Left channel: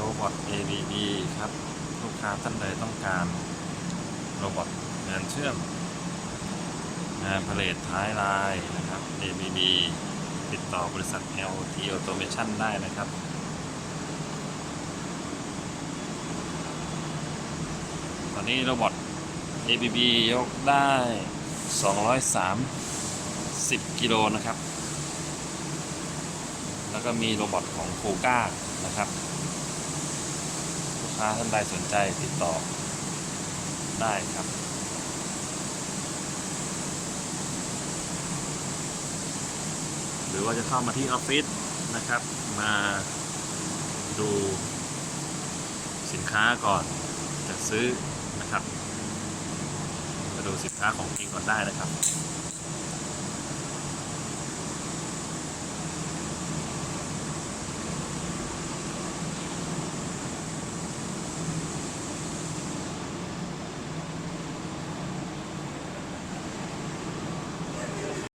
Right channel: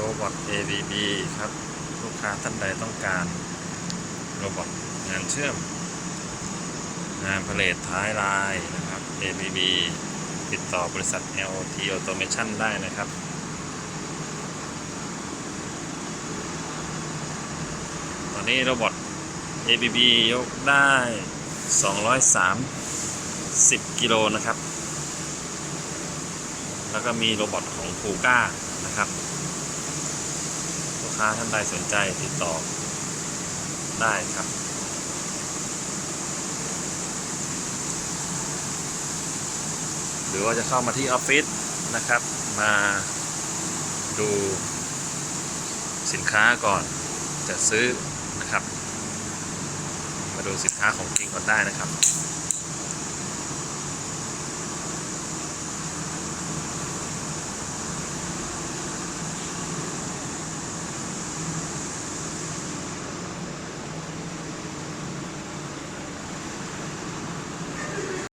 โรบอท ABB ครับ ลูกค้าท่านใดต้องการ โรบอทงานเชื่อม งานผลิตท้ายลายนะครับ ABB ติดต่อบริษัท LT Automation ได้นะครับตอนนี้โรบอท ABB ยกได้ 230 กิโลนะครับ แล้วก็มีโรบอทของฟูก้านะครับ ค้าท่านใดสนใจติดต่อได้ครับ หรือว่าจะเข้ามาที่ออฟฟิศนะครับ มาดูสินค้าก่อนจะซื้อนะครับ มาดูสินค้าของจริงก่อนได้นะครับ